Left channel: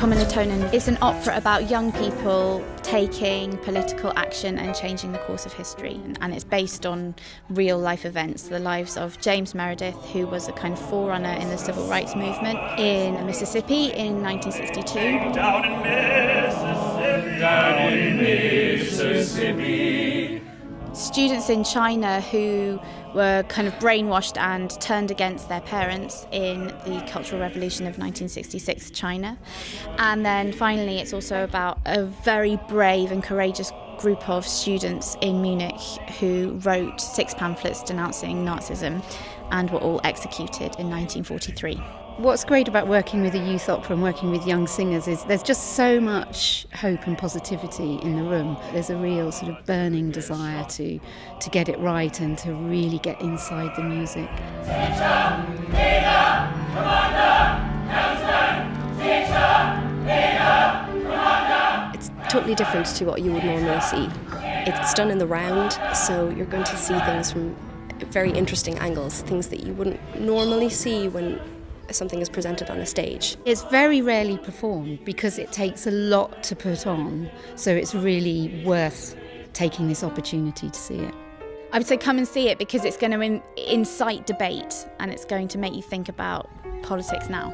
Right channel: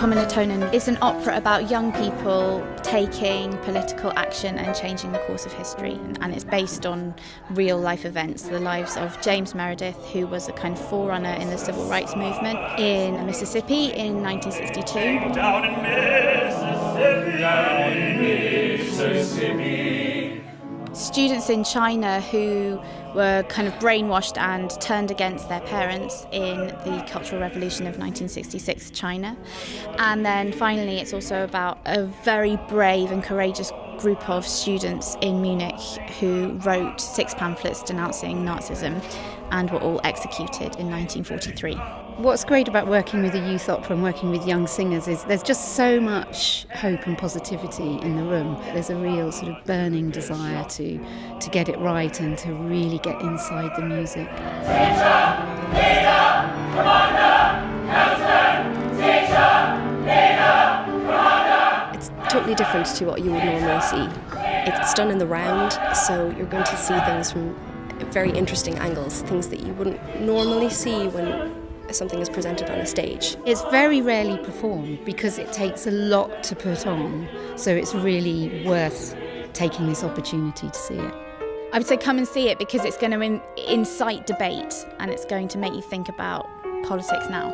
Kommilitonen is an opera about young people taking political action and changing the course of history. And it's based on real life events, the lives of James Meredith, who was a kind of forerunner in the civil rights movement in Mississippi in 1962. Down in Mississippi. Students in China who were kind of brainwashed and turned against their parents in the Cultural Revolution of 1966 China. And then finally it's also about a very brave and courageous group of students in Munich who wrote 6 pamphlets denouncing Nazism and were all executed in 1943. What's great about working with a youth opera and working with young singers is there's just so much hope and positivity in the room. There's a real sort of burning desire to get it right and to really get inside the music. It's totally different to what you would normally see. It's done in the round, so you're going to see things from very interesting angles, things that you wouldn't normally see when something is presented on a stage. It's very rarely performed because it takes a lot to put on, so it's really worth taking this opportunity to see it. I would say come and see it because it's going to incite debate and it's going to make you think about politics now.